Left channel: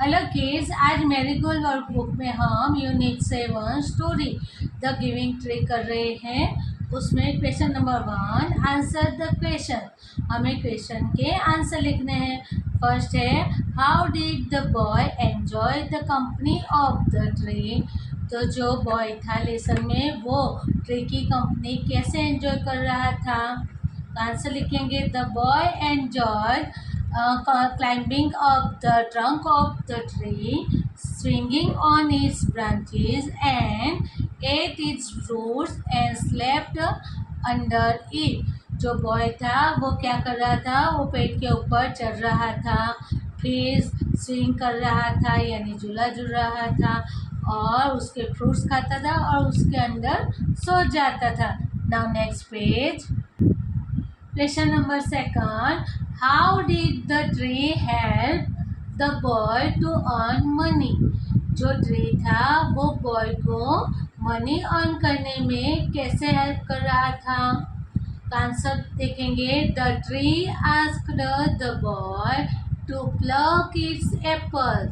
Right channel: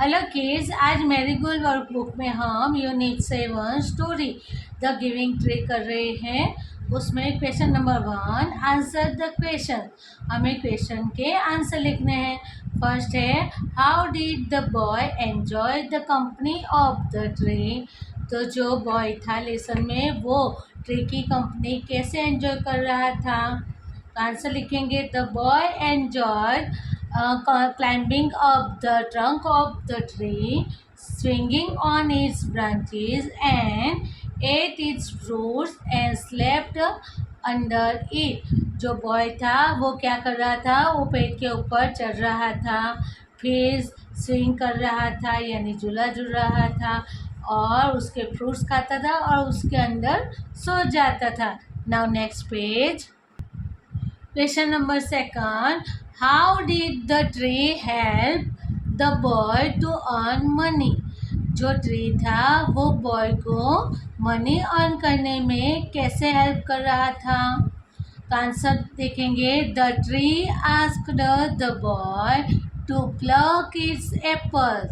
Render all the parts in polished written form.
Hello kids, आज marigold workbook में हम unit 7 story the giving tree कर रहे हैं। उसमें question number 1, answer the question. हमें क्वेश्चन के आंसर लिखने हैं। फर्स्ट है, how did the boy enjoy the company of the tree. तो जो बॉय था लेसन में वो ट्री की कंपनी कैसे एंजॉय कर रहा था। तो आंसर लिखेंगे, the boy enjoy climbing up the trunk of the tree, swinging on its branches, and ate its roots and slept under it. जो बॉय था वो क्या कर रहा था, वो पेड़ के ऊपर चढ़ रहा था, फिर स्विंग कर रहा था यानी झूला झूल रहा था, और उसके फ्रूट्स खाता था और उसके अंदर सो जाता था। Now next page. Question number 2, how did the tree help the boy to earn money. जो ट्री था वो बॉय को मनी अर्न करने में कैसे हेल्प कर रहा था। तो आंसर देखेंगे, the tree asked the boy to pluck its apple,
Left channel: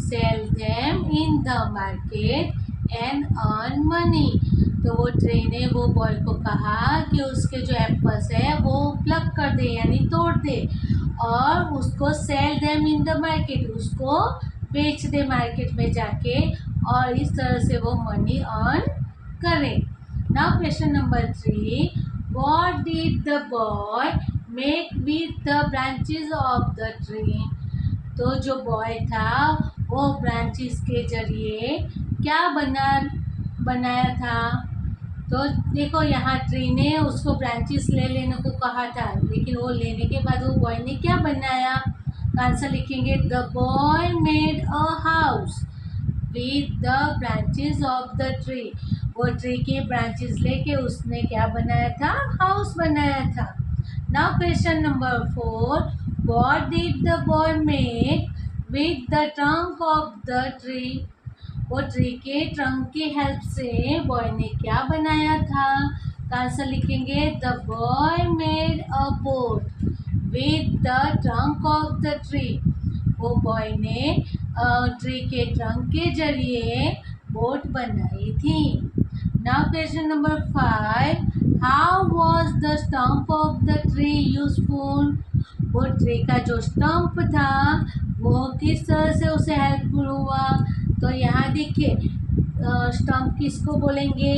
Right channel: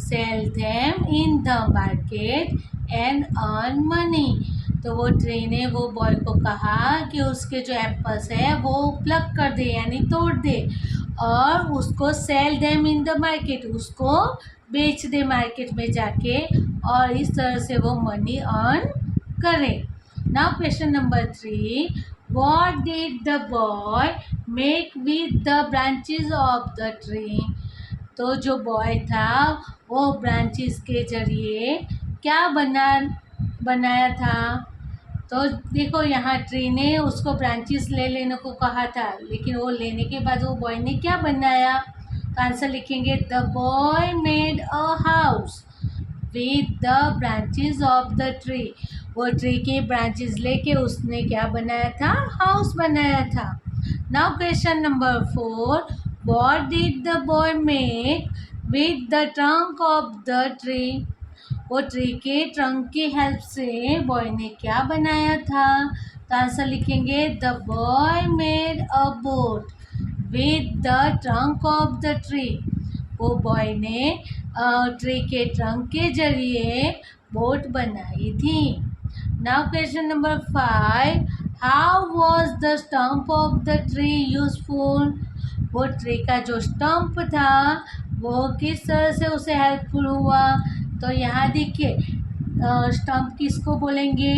sell them in the market and earn money. तो वो ट्री ने वो बॉय को कहा कि उसके जो एप्पल्स है वो प्लक कर दे यानी तोड़ दे, और उसको cell them in the market, उसको बेच दे मार्केट में जाके, और इस तरह से वो मनी अर्न करे। Now question number 3, what did the boy make with the branches of the tree. तो जो बॉय था वो ब्रांचेस के जरिए क्या बनाया था। तो देखो यहाँ ट्री ने उसको ब्रांचेस ले लेने को कहा था, लेकिन वो लेने के बाद वो बॉय ने क्या बनाया। तो आंसर लिखेंगे, the boy made a house with the branches of the tree. वो ट्री के ब्रांचेस लेके उसने क्या बनाया था, हाउस बनाया था। Now question number 4, what did the boy make with the trunk of the tree. वो ट्री के ट्रंक की हेल्प से बॉय ने क्या बनाया था। तो आंसर लिखेंगे, the boy made a boat with the trunk of the tree. वो बॉय ने ट्री के ट्रंक के जरिए बोट बनाई थी। Now question number 5, how was the stump of the tree useful. वो ट्री का जो स्टम्प था वो किस तरह से उसे हेल्पफुल हुआ। तो यहाँ देखिए, स्टम्प किसको बोलेंगे।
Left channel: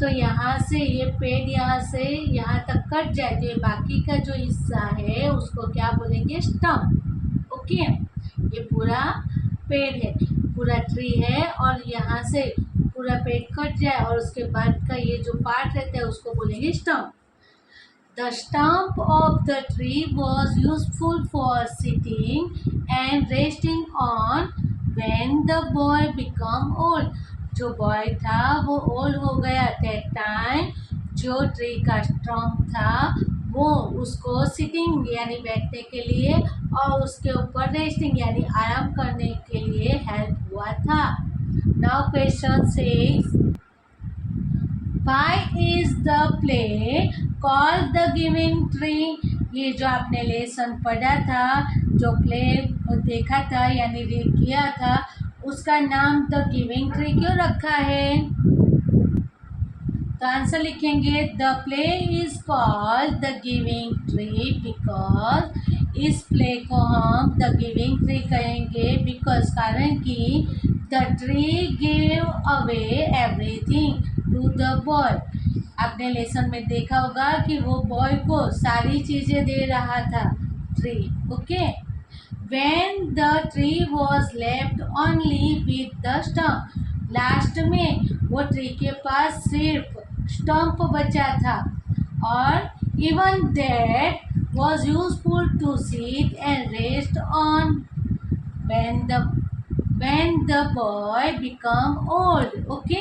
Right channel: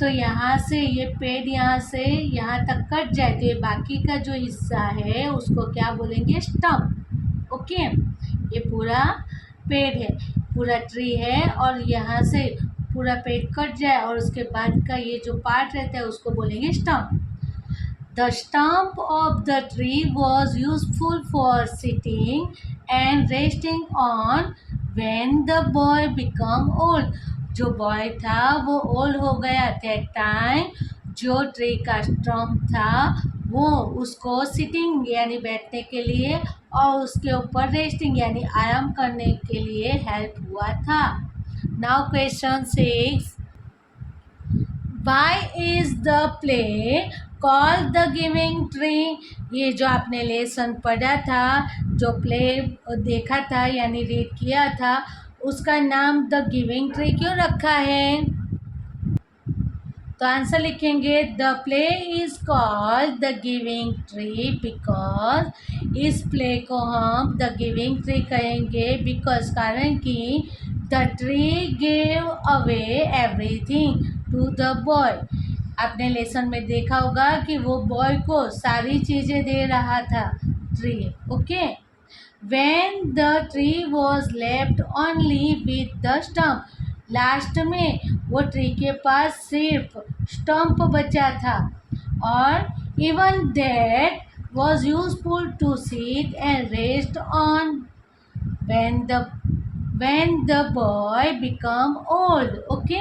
तो यहाँ से ये पेड़ यहाँ से यहाँ तक कट जाए तो ये बाकी का जो हिस्सा है उसको क्या बोलेंगे, स्टम्प। ओके, ये पूरा पेड़ है, पूरा ट्री है, और यहाँ से पूरा पेड़ कट जाए और उसके बाद का ये जो पार्ट रहता है उसको बोलेंगे stump. The stump of the tree was useful for sitting and resting on when the boy became old. जो बॉय था वो ओल्ड हो गया, that टाइम जो ट्री का स्टम्प था वो उसको सिटिंग यानी बैठने के लिए और उसके ऊपर रेस्टिंग यानी आराम करने के लिए हेल्प हुआ था। Now question 6, Why is the play called the Giving Tree? ये जो आपने लेसन पढ़ा था, जो प्ले देखा था यानी रीड किया था, उसका नाम द गिविंग ट्री क्यों रखा है। तो आंसर लिखेंगे, the play is called the giving tree because, इस प्ले को हम द गिविंग ट्री कहेंगे बिकॉज, कारण कि the tree give away everything to the boy. आपने लेसन में देखा होगा कि वो बॉय को सारी चीज़ें दे रहा था tree. Okay, when the tree was left only with the stump, last में वो ट्री के पास सिर्फ स्टम्प बचा था, और even that was useful to seat and rest on when the boy become old. Okay,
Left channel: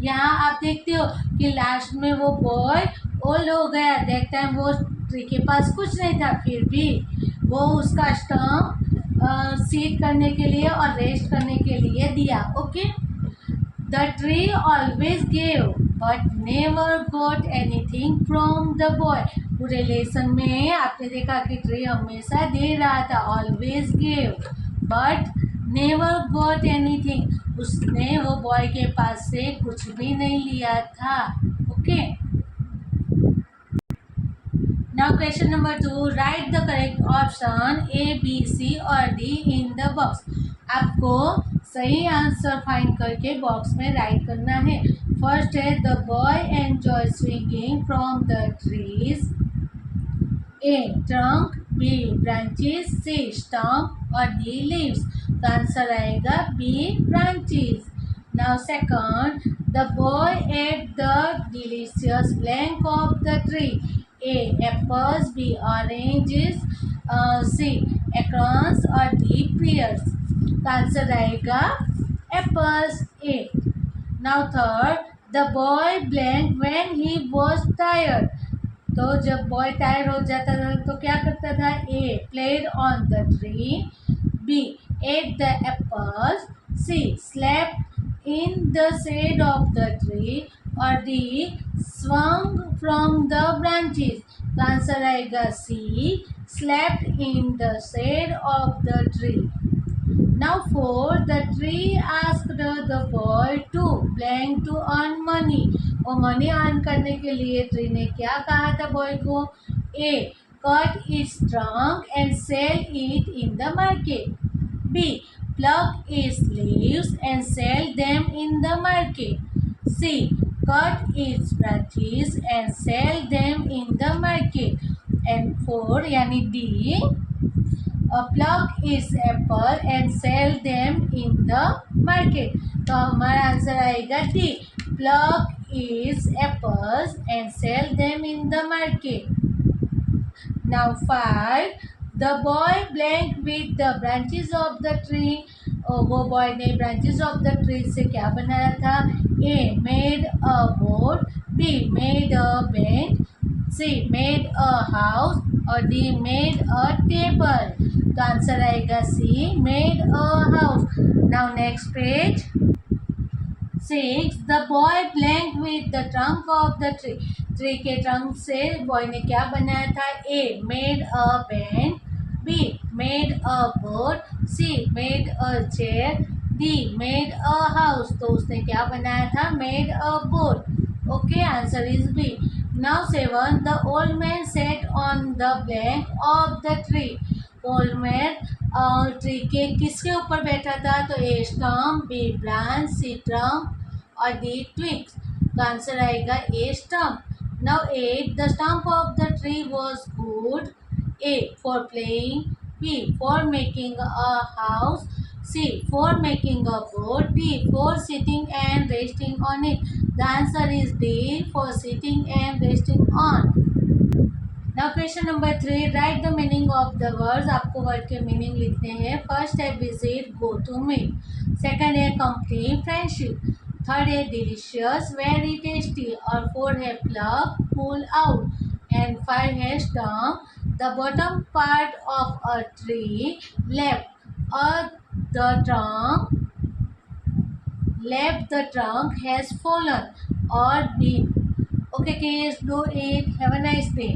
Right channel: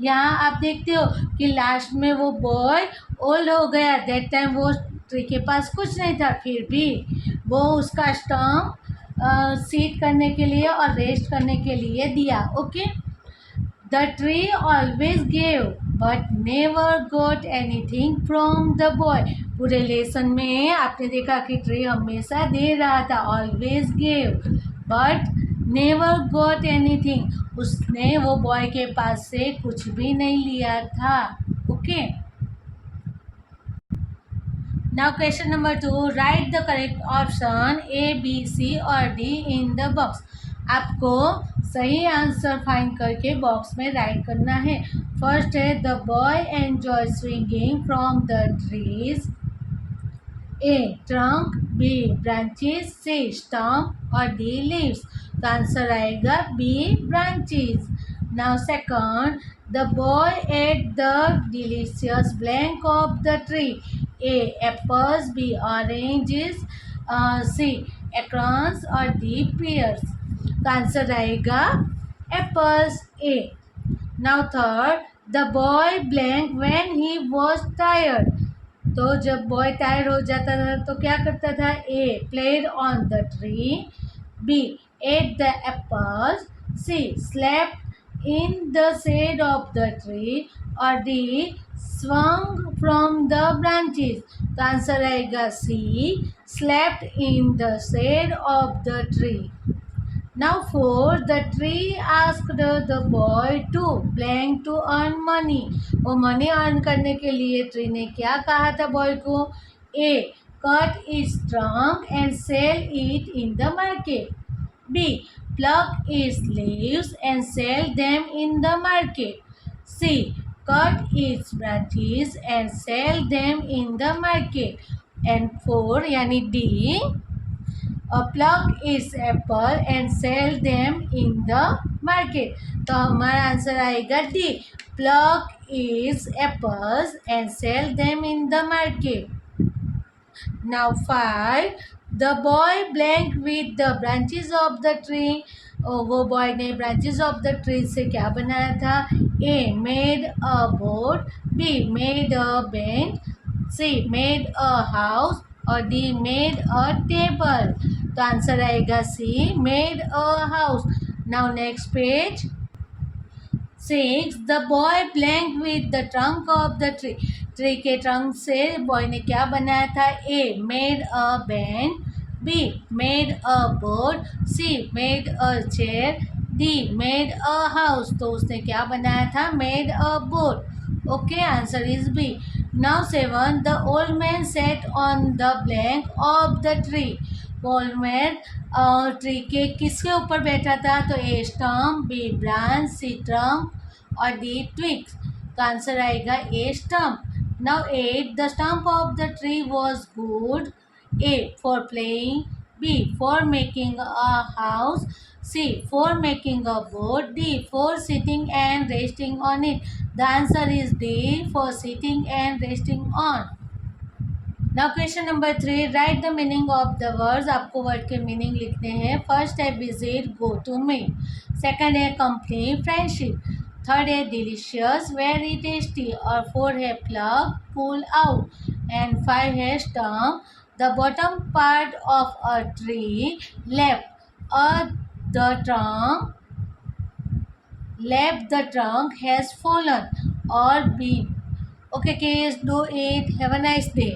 यहाँ आप देखते हो कि लास्ट में वो बॉय ओल्ड हो गया, दैट टाइम वो ट्री के पास कुछ नहीं था, फिर भी वो उसका स्टम्प सीट करने के लिए और रेस्ट करने के लिए दिया। Okay, the tree always gave but never got anything from the boy. पूरे लेसन में आपने देखा कि ट्री हमेशा दे रहा था, always gave but never got anything, उसने वो बॉय के पास से कुछ भी नहीं लिया था. Okay. Now question number 2, write the correct option A, B, C और D in the box. आपको सही आंसर फाइंड करके बॉक्स में राइट करना है. फर्स्ट है the boy enjoy swinging from the trees. A trunk, B branches, C stump और D leaves. तो आंसर आएगा B branches. Now second, the boy ate the delicious blank of the tree. A apples, B oranges, C acorns और D pears. तो answer आएगा apples, A. Now third, the boy blank when he was tired. तो जब boy tyre हो जाता था तो क्या करता था. A played on the tree, B ate the apples, C slept in the shade of the tree और D swung from the branches. तो आंसर आएगा C slept in the shade of the tree. Now four, the tree asked the boy to blank to earn money. वो money earn करने के लिए tree ने क्या कहा था बॉय को. A cut its trunk and sell it in the market. B pluck its leaves and sell them in the market. C cut its branches and sell them in the market. And four यानी D pluck its apple and sell them in the market. तो हमारा answer आएगा D pluck its apples and sell them in the market. Now 5, the boy blank with the branches of the tree. वो boy ने branches of the tree से क्या बनाया था. A made a boat, B made a bench, C made a house और D made a table. तो answer आएगा C made a house. Now next page. 6, the boy blank with the trunk of the tree. Tree के trunk से boy ने क्या बनाया था. A made a bench, B made a board, C made a chair, D made a house. तो उसने क्या बनाया था. Made a board. Okay answer is B. Now 7, the old man set on the blank of the tree. Old man tree के किसके ऊपर बैठा था. तो A stump, B branch, C trunk और डी ट्विग्स. तो आंसर आएगा ए stump. Now 8, the stump of the tree was good. A for playing, B for making a house, C for making a boat, D for sitting and resting on it. The answer is D for sitting and resting on. Now question number 3, write the meaning of the words. आपको word के meaning लिखने हैं. First है visit, go to meet. Second है complete, friendship. Third है delicious, very tasty. और four है plug, pull out. And 5 है stump. The bottom part of a tree left the trunk has fallen or been. Okay kids, do it. Have a nice day.